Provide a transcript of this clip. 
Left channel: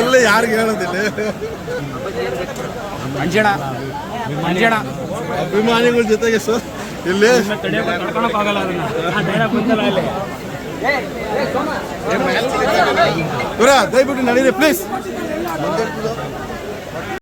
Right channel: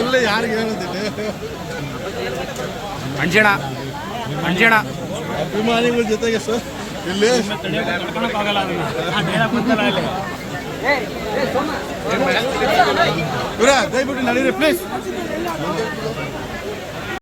ಎಲ್ಲಿ ಯಾರಿಗೆ ಹೇಳ ಅಂಜಣ ಅಂಜಣ ಅಭಿಮಾನಿಗಳ ಜೊತೆಗೆ ಸಲ್ಲೇ ದಯವಿಟ್ಟು ನಡೀರಿ ಪ್ಲೀಸ್